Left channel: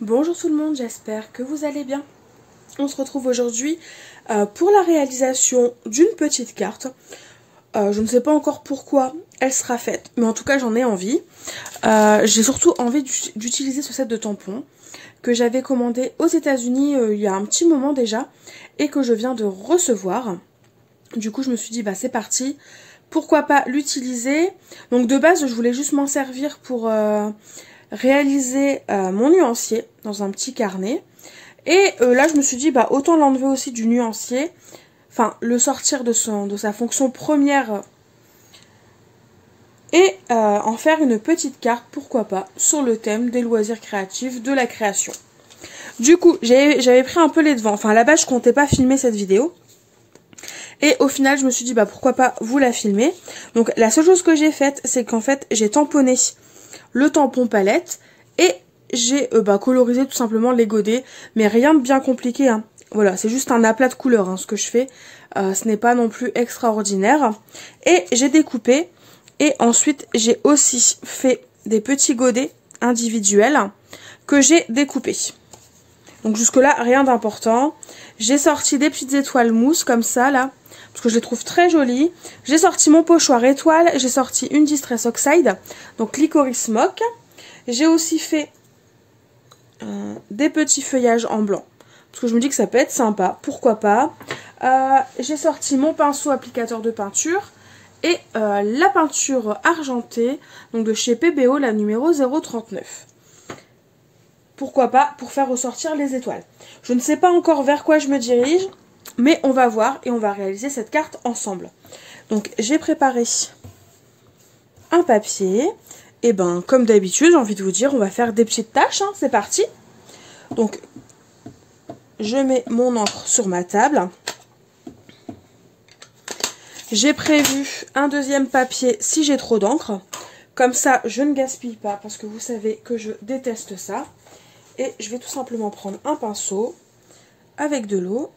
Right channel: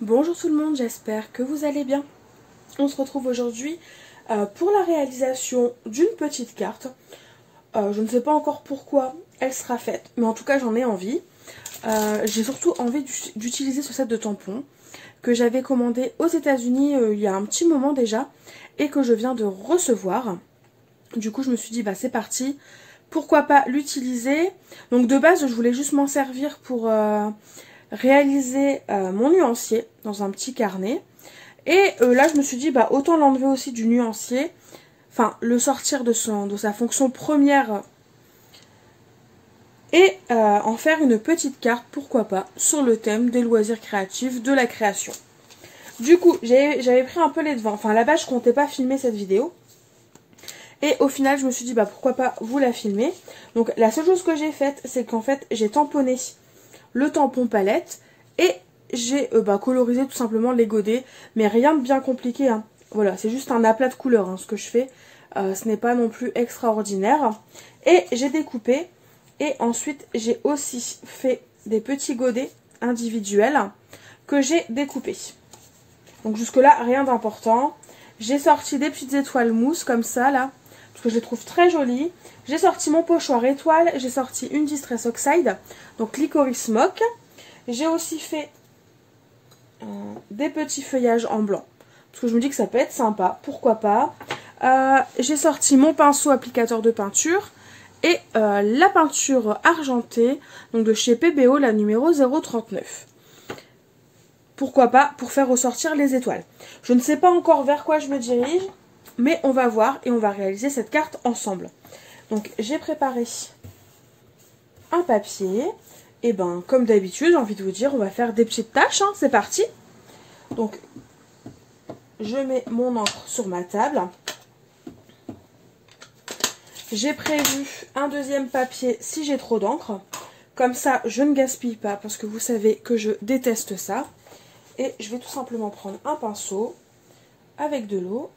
Bonjour tout le monde, j'espère que vous allez bien. On se retrouve aujourd'hui pour la réalisation d'une petite carte. Je ne sais pas encore pourquoi elle sera faite, mais en tout cas j'en ai envie. J'ai surtout envie d'utiliser ce set de tampons que j'avais commandé aux États-Unis il y a un petit moment déjà et que je viens de recevoir. Du coup je me suis dit bah c'est parti, pourquoi pas l'utiliser. Donc de base je voulais juste m'en servir pour réaliser mon nuancier dans un petit carnet. Et là je me suis dit bah autant l'enlever aussi du nuancier, enfin le sortir de sa fonction première et en faire une petite carte, pourquoi pas, sur le thème des loisirs créatifs, de la création. Du coup j'avais pris un peu les devants, enfin à la base je comptais pas filmer cette vidéo. Et au final je me suis dit bah pourquoi pas vous la filmer. Donc la seule chose que j'ai faite c'est qu'en fait j'ai tamponné le tampon palette et j'ai colorisé tout simplement les godets, mais rien de bien compliqué hein. Voilà, c'est juste un aplat de couleurs hein, ce que je fais, ce n'est pas non plus extraordinaire. Et j'ai découpé et ensuite j'ai aussi fait des petits godets individuels que j'ai découpés. Donc jusque là rien d'important. J'ai sorti des petites étoiles mousse comme ça là, parce que je les trouve très jolies. J'ai sorti mon pochoir étoile, j'ai sorti une Distress Oxide, donc Licorice Smoke. J'ai aussi fait des petits feuillages en blanc, parce que je me dis que ça peut être sympa, pourquoi pas. J'ai sorti mon pinceau applicateur de peinture et la peinture argentée, donc de chez PBO, la numéro 039. Pourquoi pas, pour faire ressortir les étoiles. Je ne sais pas encore vers quoi je me dirige, mais on va voir et on va réaliser cette carte ensemble. Donc j'ai préparé un papier. Et ben comme d'habitude, j'ai envie de vous dire, on va faire des petites tâches, hein, c'est parti. Donc je mets mon encre sur ma table. J'ai prévu un deuxième papier si j'ai trop d'encre. Comme ça, je ne gaspille pas parce que vous savez que je déteste ça. Et je vais tout simplement prendre un pinceau avec de l'eau.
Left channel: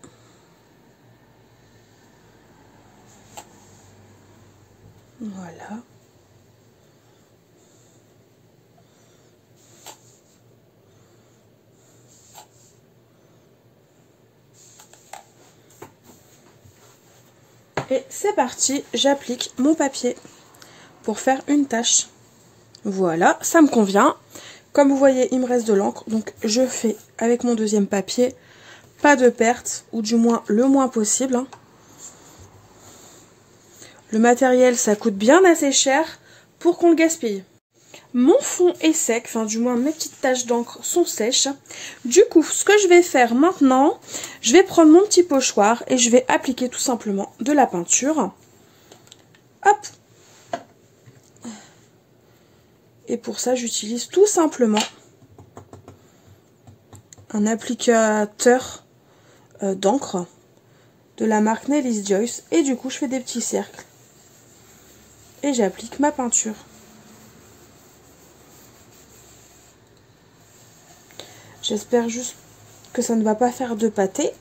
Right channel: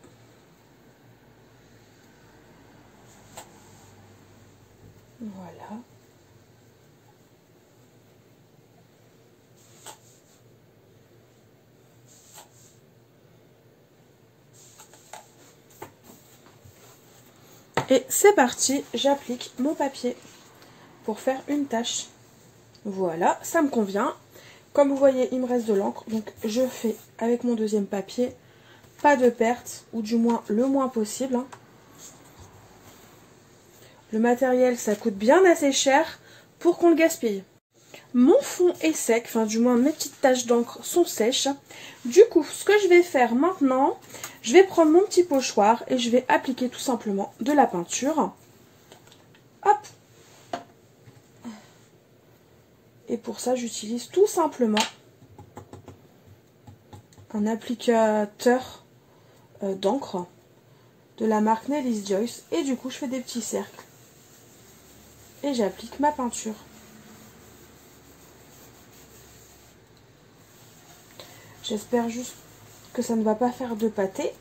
Voilà. Et c'est parti, j'applique mon papier pour faire une tache. Voilà, ça me convient. Comme vous voyez, il me reste de l'encre, donc je fais avec mon deuxième papier, pas de perte, ou du moins le moins possible. Le matériel, ça coûte bien assez cher pour qu'on le gaspille. Mon fond est sec, enfin du moins mes petites taches d'encre sont sèches. Du coup, ce que je vais faire maintenant, je vais prendre mon petit pochoir et je vais appliquer tout simplement de la peinture. Hop! Et pour ça, j'utilise tout simplement un applicateur d'encre de la marque Nelly's Joyce. Et du coup, je fais des petits cercles. Et j'applique ma peinture. J'espère juste que ça ne va pas faire de pâté.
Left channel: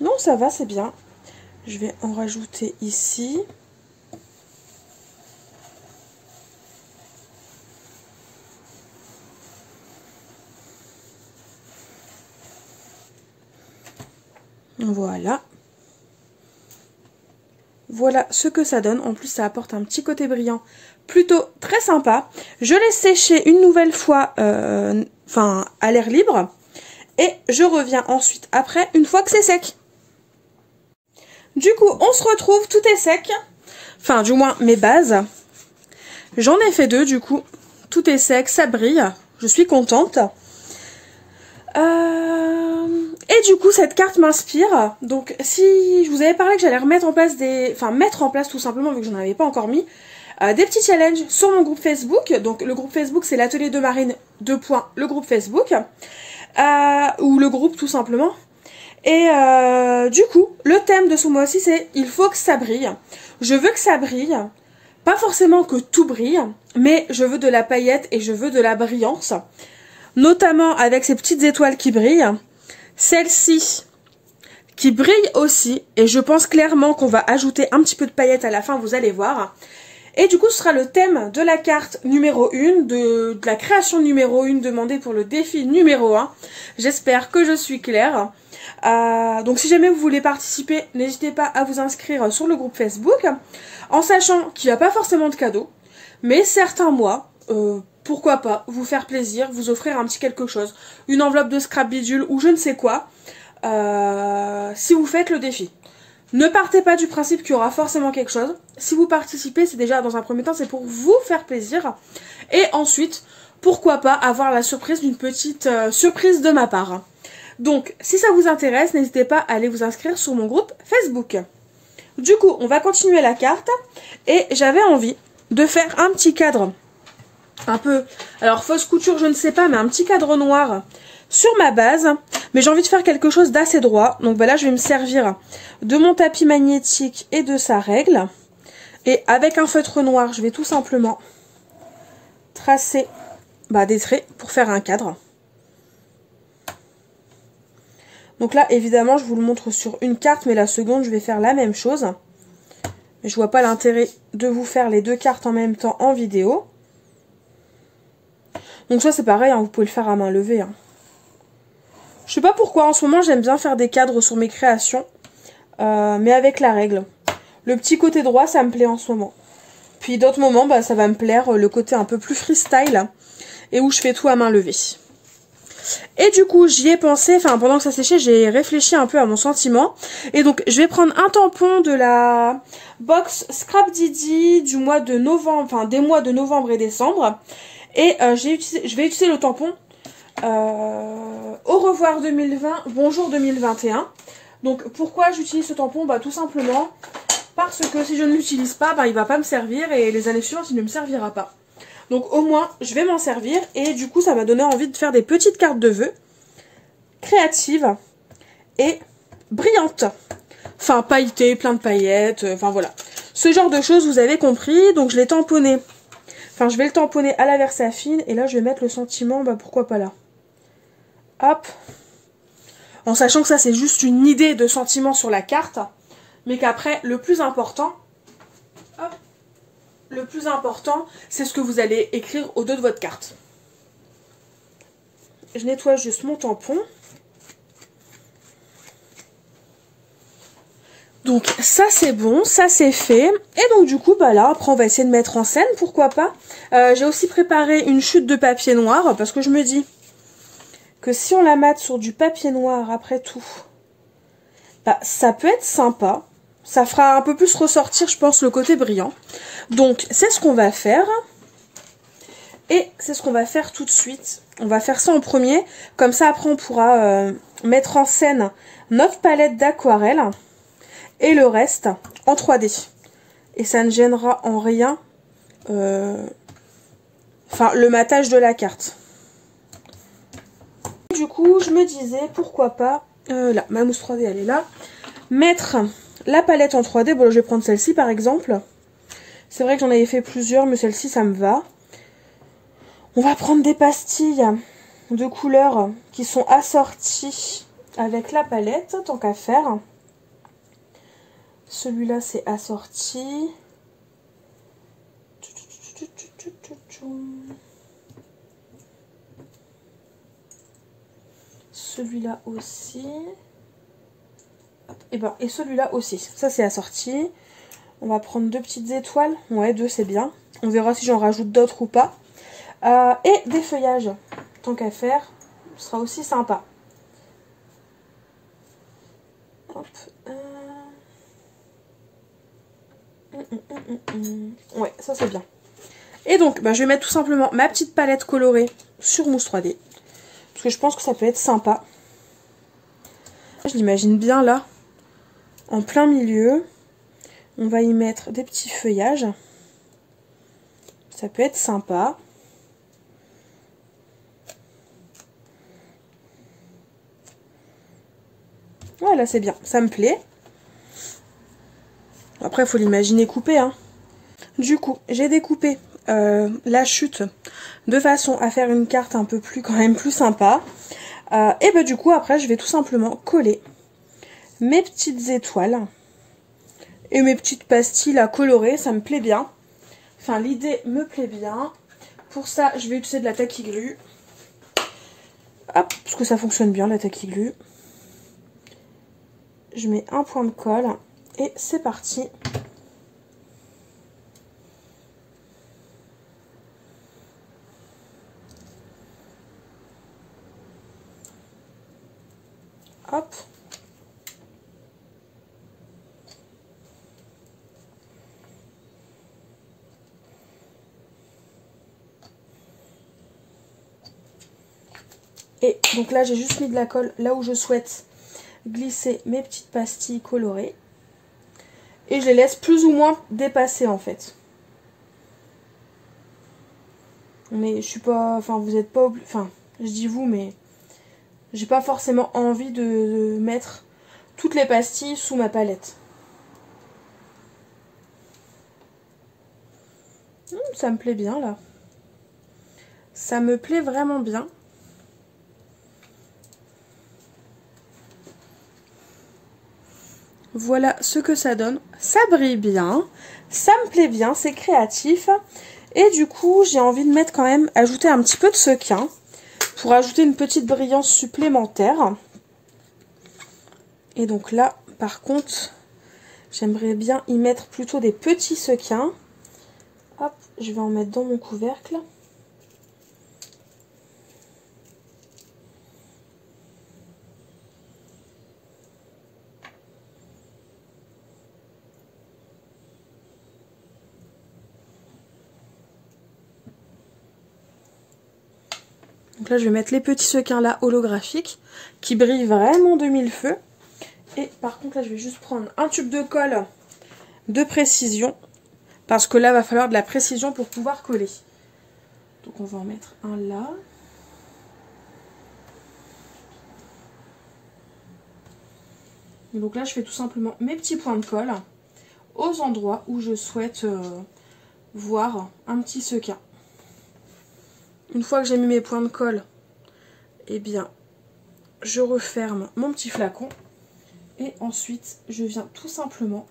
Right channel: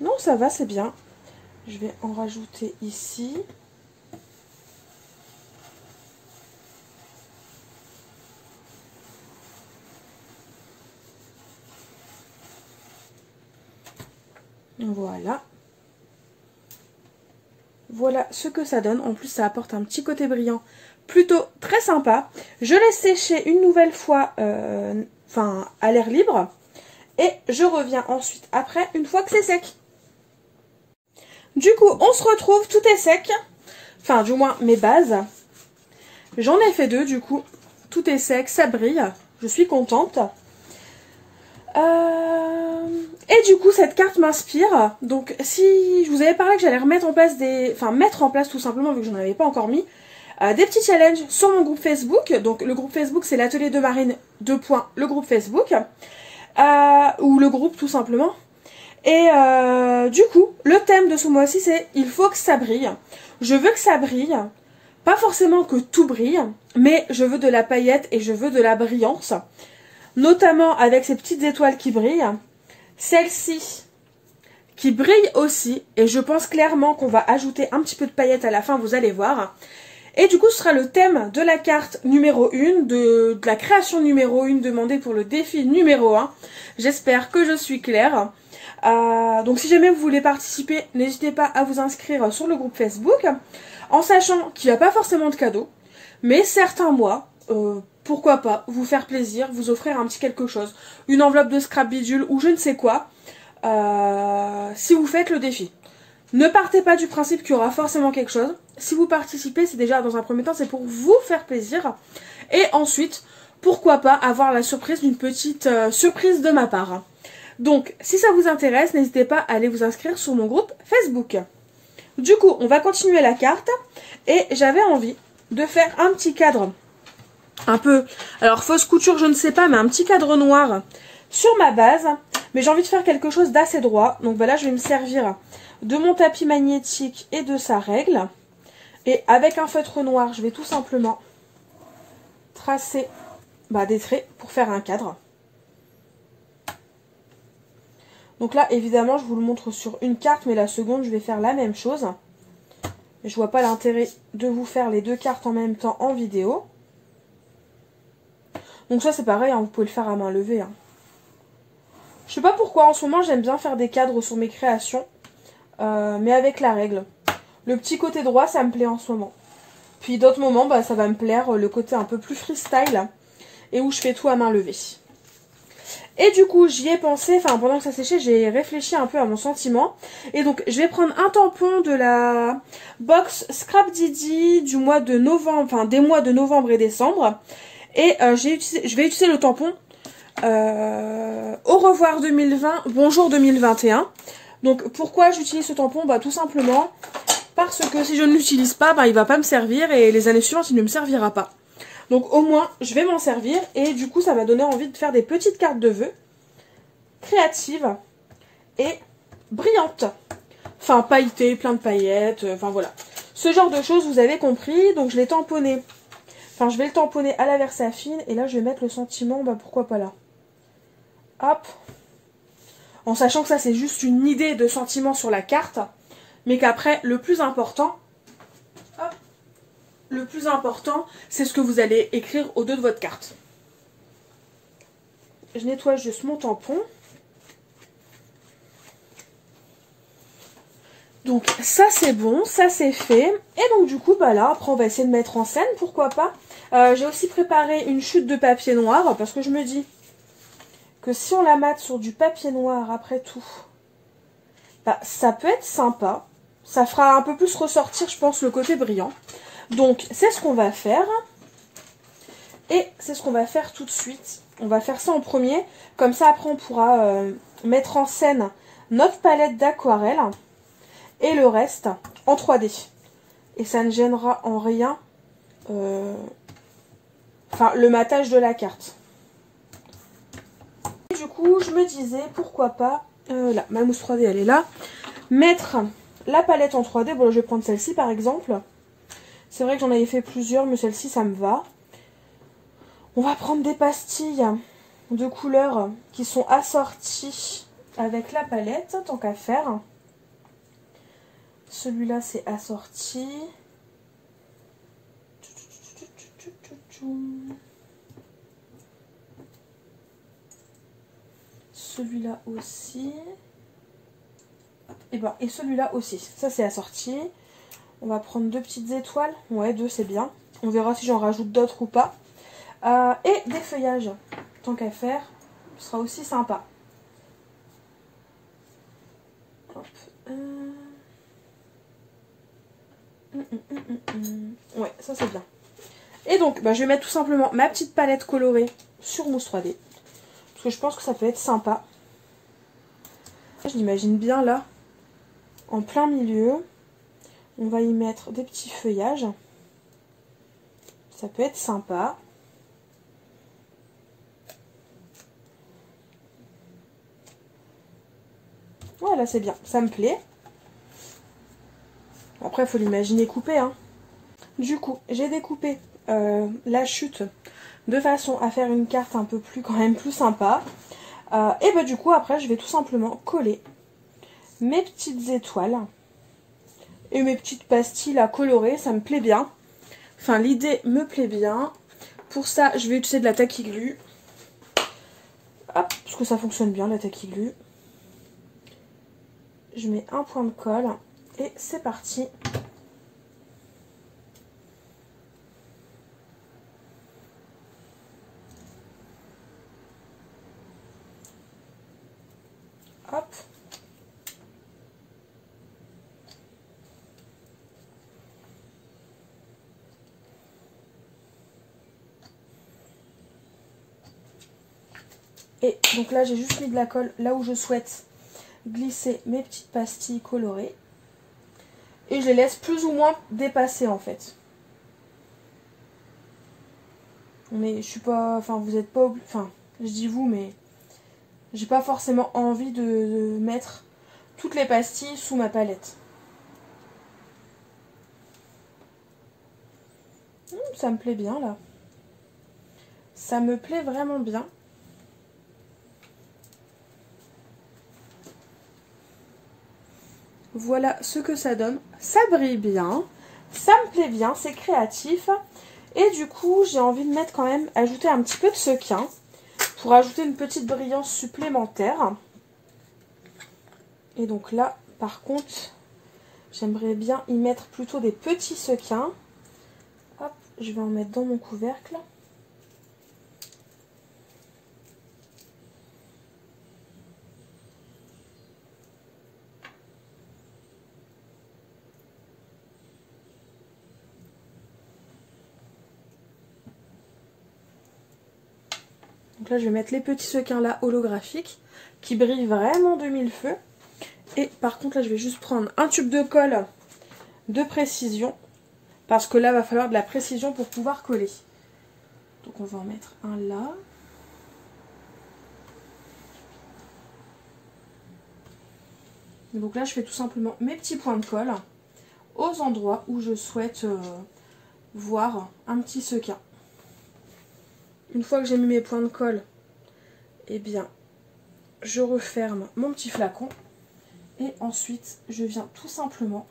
Non, ça va, c'est bien. Je vais en rajouter ici. Voilà. Voilà ce que ça donne. En plus, ça apporte un petit côté brillant plutôt très sympa. Je laisse sécher une nouvelle fois à l'air libre. Et je reviens ensuite après, une fois que c'est sec. Du coup, on se retrouve, tout est sec. Enfin, du moins, mes bases. J'en ai fait deux, du coup. Tout est sec, ça brille. Je suis contente. Et du coup, cette carte m'inspire. Donc, si je vous avais parlé que j'allais remettre en place mettre en place tout simplement, vu que je n'en avais pas encore mis, des petits challenges sur mon groupe Facebook. Donc, le groupe Facebook, c'est l'atelier de Marine, le groupe Facebook. Ou le groupe, tout simplement. Et du coup, le thème de ce mois-ci, c'est « Il faut que ça brille ». Je veux que ça brille. Pas forcément que tout brille, mais je veux de la paillette et je veux de la brillance. Notamment avec ces petites étoiles qui brillent. Celle-ci qui brille aussi. Et je pense clairement qu'on va ajouter un petit peu de paillettes à la fin, vous allez voir. Et du coup, ce sera le thème de la carte numéro 1, de la création numéro 1 demandée pour le défi numéro 1. J'espère que je suis claire. Donc si jamais vous voulez participer, n'hésitez pas à vous inscrire sur le groupe Facebook, en sachant qu'il n'y a pas forcément de cadeau, mais certains mois, pourquoi pas, vous faire plaisir, vous offrir un petit quelque chose, une enveloppe de scrap bidule ou je ne sais quoi, si vous faites le défi. Ne partez pas du principe qu'il y aura forcément quelque chose. Si vous participez, c'est déjà dans un premier temps, c'est pour vous faire plaisir. Et ensuite, pourquoi pas avoir la surprise d'une petite surprise de ma part. Donc, si ça vous intéresse, n'hésitez pas à aller vous inscrire sur mon groupe Facebook. Du coup, on va continuer la carte. Et j'avais envie de faire un petit cadre. Un peu, alors fausse couture, je ne sais pas, mais un petit cadre noir sur ma base. Mais j'ai envie de faire quelque chose d'assez droit. Donc là, je vais me servir de mon tapis magnétique et de sa règle. Et avec un feutre noir, je vais tout simplement tracer des traits pour faire un cadre. Donc là, évidemment, je vous le montre sur une carte, mais la seconde, je vais faire la même chose. Je vois pas l'intérêt de vous faire les deux cartes en même temps en vidéo. Donc ça, c'est pareil, hein, vous pouvez le faire à main levée. Hein. Je sais pas pourquoi, en ce moment, j'aime bien faire des cadres sur mes créations. Mais avec la règle. Le petit côté droit, ça me plaît en ce moment. Puis d'autres moments, ça va me plaire le côté un peu plus freestyle. Et où je fais tout à main levée. Et du coup, j'y ai pensé, pendant que ça séchait, j'ai réfléchi un peu à mon sentiment. Et donc, je vais prendre un tampon de la box Scrap Didi du mois de novembre, des mois de novembre et décembre. Et je vais utiliser le tampon Au revoir 2020, bonjour 2021. Donc pourquoi j'utilise ce tampon? Tout simplement parce que si je ne l'utilise pas, il va pas me servir et les années suivantes il ne me servira pas. Donc au moins je vais m'en servir et du coup ça m'a donné envie de faire des petites cartes de vœux créatives et brillantes. Pailletées, plein de paillettes, voilà. Ce genre de choses vous avez compris, donc je l'ai tamponné. Je vais le tamponner à la Versafine et là je vais mettre le sentiment, pourquoi pas là. Hop. En sachant que ça c'est juste une idée de sentiment sur la carte, mais qu'après le plus important, c'est ce que vous allez écrire au dos de votre carte. Je nettoie juste mon tampon. Donc ça c'est bon, ça c'est fait. Et donc du coup là après on va essayer de mettre en scène, pourquoi pas. J'ai aussi préparé une chute de papier noir parce que je me dis que si on la mate sur du papier noir après tout, ça peut être sympa. Ça fera un peu plus ressortir, je pense, le côté brillant. Donc, c'est ce qu'on va faire. Et c'est ce qu'on va faire tout de suite. On va faire ça en premier. Comme ça, après, on pourra mettre en scène notre palette d'aquarelle. Et le reste en 3D. Et ça ne gênera en rien le matage de la carte. Du coup, je me disais, pourquoi pas, là, ma mousse 3D, elle est là, mettre la palette en 3D. Bon, je vais prendre celle-ci, par exemple. C'est vrai que j'en avais fait plusieurs, mais celle-ci, ça me va. On va prendre des pastilles de couleurs qui sont assorties avec la palette, tant qu'à faire. Celui-là, c'est assorti. Celui-là aussi. Et celui-là aussi. Ça, c'est assorti. On va prendre deux petites étoiles. Ouais, deux, c'est bien. On verra si j'en rajoute d'autres ou pas. Et des feuillages. Tant qu'à faire, ce sera aussi sympa. Hop. Ouais, ça, c'est bien. Et donc, je vais mettre tout simplement ma petite palette colorée sur mousse 3D. Parce que je pense que ça peut être sympa. Je l'imagine bien là, en plein milieu. On va y mettre des petits feuillages. Ça peut être sympa. Voilà, c'est bien, ça me plaît. Après, il faut l'imaginer coupé, hein. Du coup, j'ai découpé la chute de façon à faire une carte un peu plus, quand même plus sympa. Et du coup, après, je vais tout simplement coller mes petites étoiles et mes petites pastilles à colorer. Ça me plaît bien. Enfin, l'idée me plaît bien. Pour ça, je vais utiliser de la Tacky Glue. Hop, parce que ça fonctionne bien, la Tacky Glue. Je mets un point de colle et c'est parti. Hop. Et donc là, j'ai juste mis de la colle là où je souhaite glisser mes petites pastilles colorées. Et je les laisse plus ou moins dépasser en fait. Mais je suis pas... Enfin, vous êtes pas obligé... Enfin, je dis vous, mais... J'ai pas forcément envie de mettre toutes les pastilles sous ma palette. Ça me plaît bien là. Ça me plaît vraiment bien. Voilà ce que ça donne. Ça brille bien. Ça me plaît bien. C'est créatif. Et du coup, j'ai envie de mettre quand même, ajouter un petit peu de sequin pour ajouter une petite brillance supplémentaire. Et donc là, par contre, j'aimerais bien y mettre plutôt des petits sequins. Hop, je vais en mettre dans mon couvercle. Donc là, je vais mettre les petits sequins là holographiques qui brillent vraiment de mille feux. Et par contre, là, je vais juste prendre un tube de colle de précision parce que là, il va falloir de la précision pour pouvoir coller. Donc, on va en mettre un là. Donc là, je fais tout simplement mes petits points de colle aux endroits où je souhaite voir un petit sequin. Une fois que j'ai mis mes points de colle, eh bien, je referme mon petit flacon. Et ensuite, je viens tout simplement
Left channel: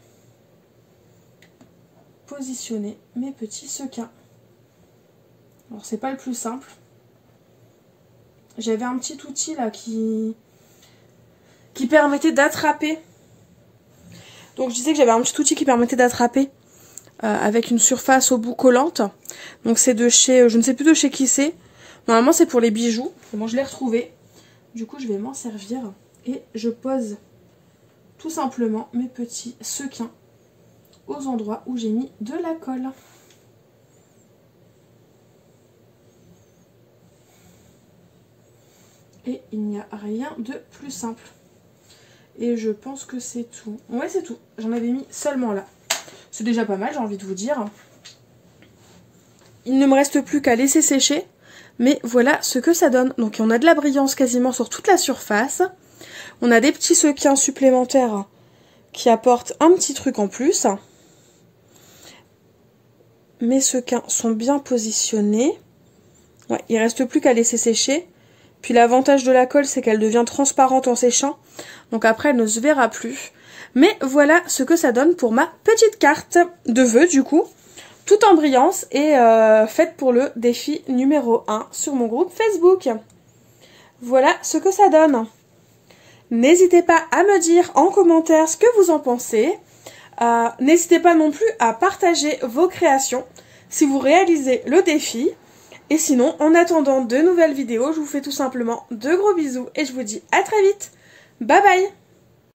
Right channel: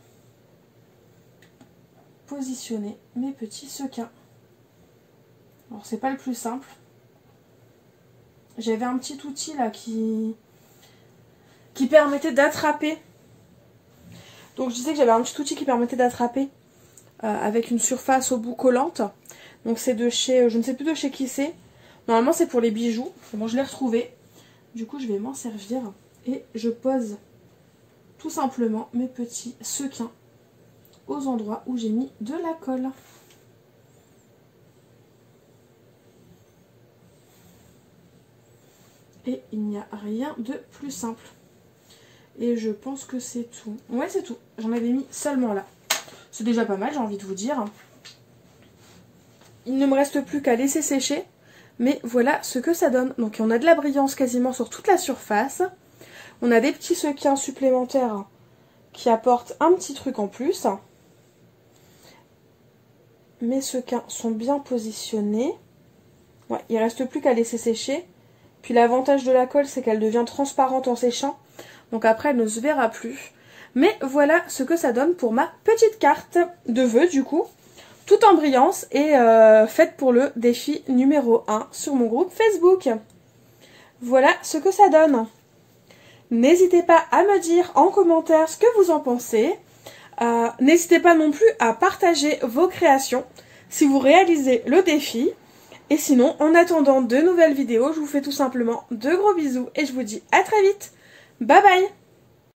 positionner mes petits sequins. Alors, c'est pas le plus simple. J'avais un petit outil là qui permettait d'attraper. Donc, je disais que j'avais un petit outil qui permettait d'attraper avec une surface au bout collante. Donc, c'est de chez, je ne sais plus de chez qui c'est. Normalement, c'est pour les bijoux. Bon, je l'ai retrouvé. Du coup, je vais m'en servir et je pose tout simplement mes petits sequins aux endroits où j'ai mis de la colle. Et il n'y a rien de plus simple. Et je pense que c'est tout. Ouais, c'est tout. J'en avais mis seulement là. C'est déjà pas mal, j'ai envie de vous dire. Il ne me reste plus qu'à laisser sécher. Mais voilà ce que ça donne. Donc on a de la brillance quasiment sur toute la surface. On a des petits sequins supplémentaires qui apportent un petit truc en plus. Mes sequins sont bien positionnés. Ouais, il ne reste plus qu'à laisser sécher. Puis l'avantage de la colle, c'est qu'elle devient transparente en séchant. Donc après, elle ne se verra plus. Mais voilà ce que ça donne pour ma petite carte de vœux du coup. Tout en brillance et faite pour le défi numéro 1 sur mon groupe Facebook. Voilà ce que ça donne. N'hésitez pas à me dire en commentaire ce que vous en pensez. N'hésitez pas non plus à partager vos créations si vous réalisez le défi. Et sinon, en attendant de nouvelles vidéos, je vous fais tout simplement de gros bisous et je vous dis à très vite. Bye bye!